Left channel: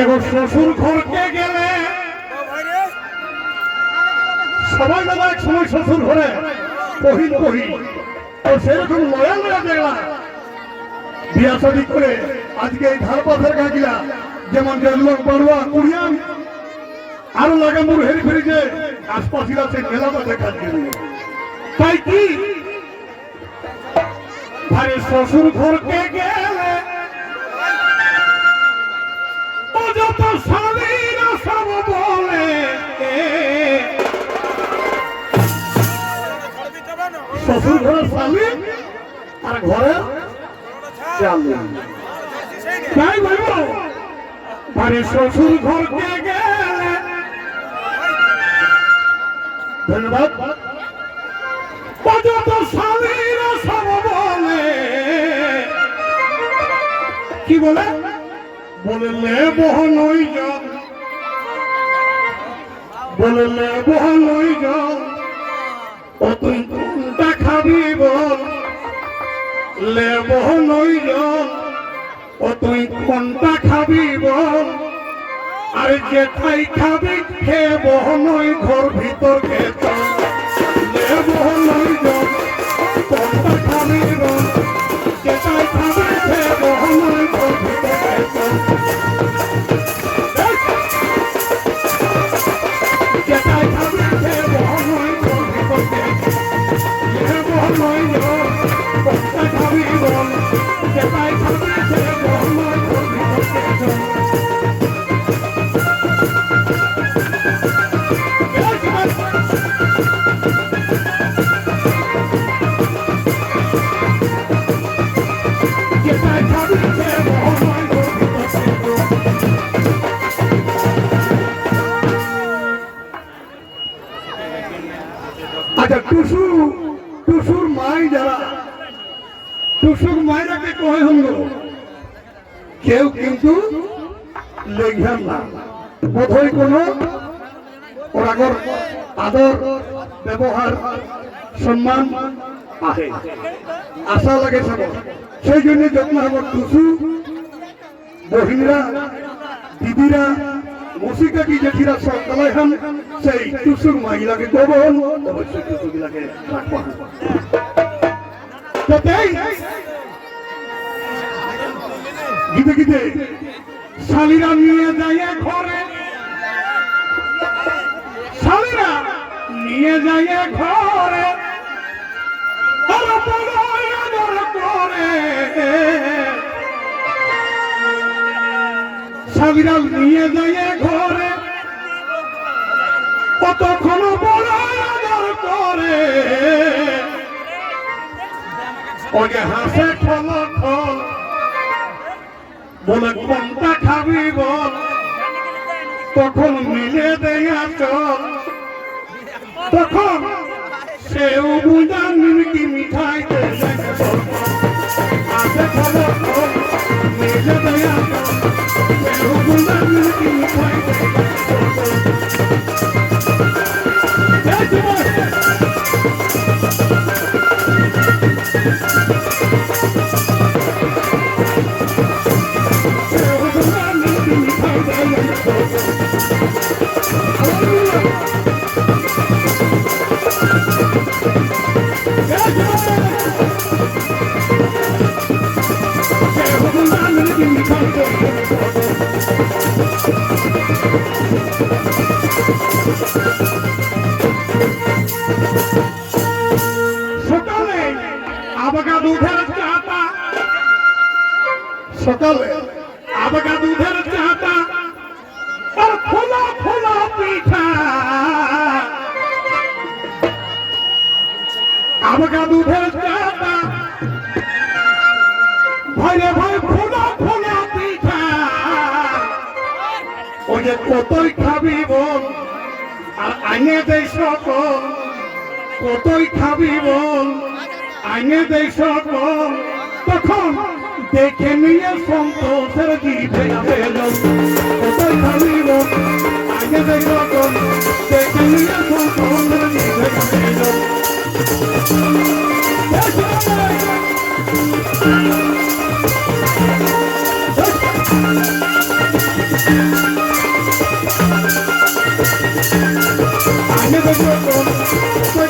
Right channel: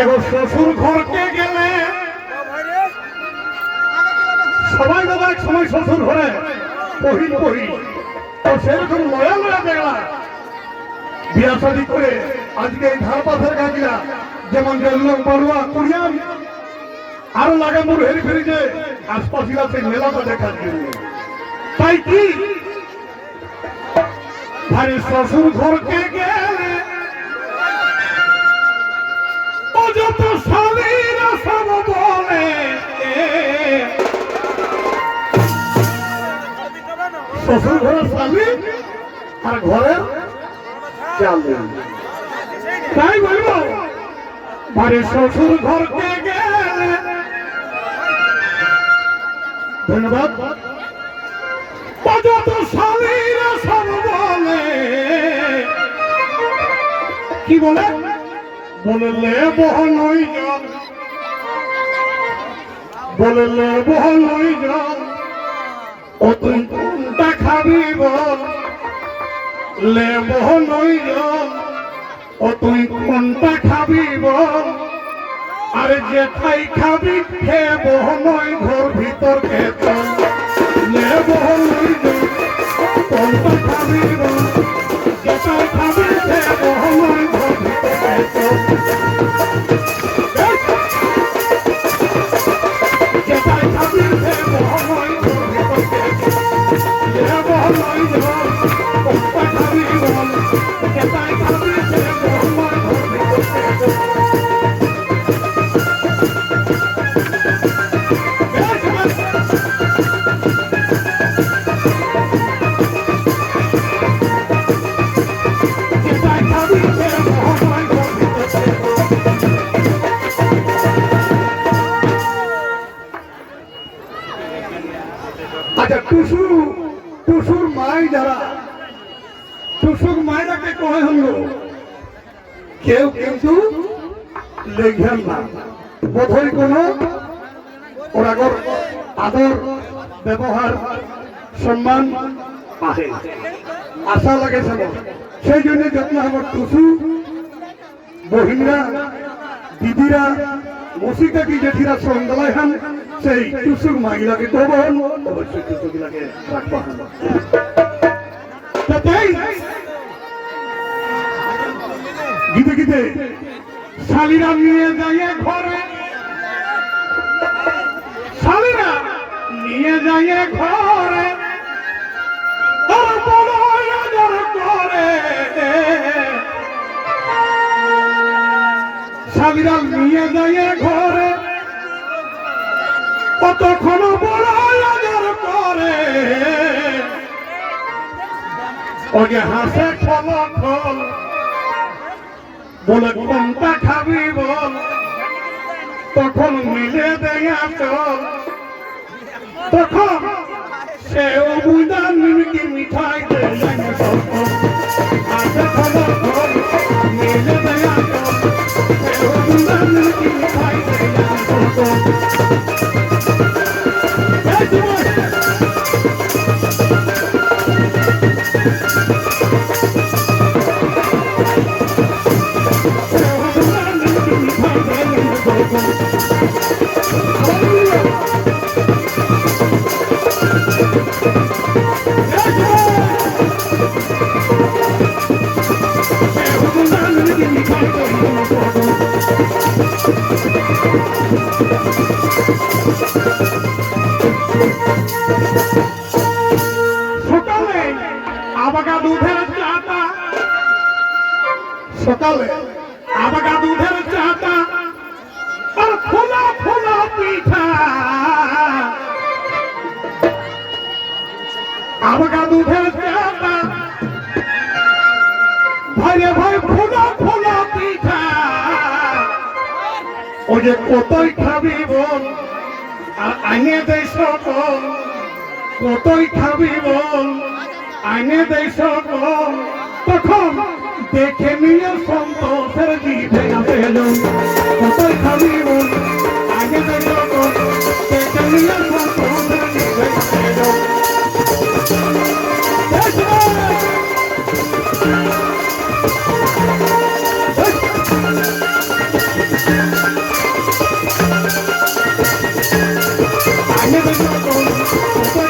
এবার শ্বশুর ঘরকে গেলে সবাই বাবা এক সময় শ্বশুর ঘরে পহিত তো সেরকম লয়া লয়া দেখলা বিয়া শাদী করে আজকে এই ধার পাথের গাছিলা যেমন লোক বড়ুয়া কুড়িয়ান আরো লাগে মুড় হেরি ফেরি যে আশপাশিরা সেই মেলাটা দেখার জন্য তাই কি আরে শ্বশুর ঘরকে গেলে যত স্বামীরা সব বলে শ্বশুর ঘরের স্বামী আর ঘরের তাই বলব আরে শ্বশুর ঘরকে গেলে ধন্যবাদ যত স্বামীরা সব বলে কি বলে বললে বহনই জল বললে বহনই জল ও তুই কোনটা খাবি বল লে বহনই জল ও তুই কোনটা খাবি বল আর যেটাই খাবি খে বহনই ঘর ভিতর খেত লে বহনই জল কোনটা খাবি বল যেটাই খাবি খে বহনই ঘর ভিতর খেত যেটাই খাবি খে বহনই ঘর ভিতর খেত লে বহনই জল কোনটা খাবি বল যেটাই খাবি খে বহনই ঘর ভিতর খেত আচ্ছা টুসুর মাই যারা টুসুর মায়েরাকে কহে হল কেউ কিন্তু লেখার না বোধহয় কোনো ওর আগর আদর ব্যবহার সম্মান আহে আশা লাগে সব সেই জন্য যত্ন আমার টুসু বহিনীরা দিদিরা মসিকাটি জেঠিরা সঙ্গলায় হন সেই টুসুর মাইগুলাকে কবল অবশ্যই টুসুগুলাকে রাখবা গীতে গীতে শালীরা নিয়ে যায় ঘরে শালীরা নিয়ে যায় ঘরে করে শালীরা নিয়ে যায় ঘরে কতক্ষণ বড় আদর করে ওকে হাসে ফল ফল বলে কোনটা খাবি বল তখন মিলে দেয়া চল তখন সেও বুঝা নিমকি মিঠাই হাসে ফল ফল মিলে দেয়া চল সেও বুঝা নিমকি মিঠাই সকালে আবাগা দুধের চাটা সকালে আবাগা দুধের চাটা আর ফোলা ফোলা পিঠা আবাগা দুধের চাটা ভাইরে ভাই ফোলা ফোলা পিঠা ওই যে কতই খাবি বল আর আইনে দেয় সকল কতই খাবি বল আইনে দেয় সকল তখন দেখে নিয়ে সন্তোষের জিভে পেল কতই খাবি বল আইনে দেয় সকল দেখে নিয়ে সন্তোষের জিভে পেল আইনে দেয় সকল কতই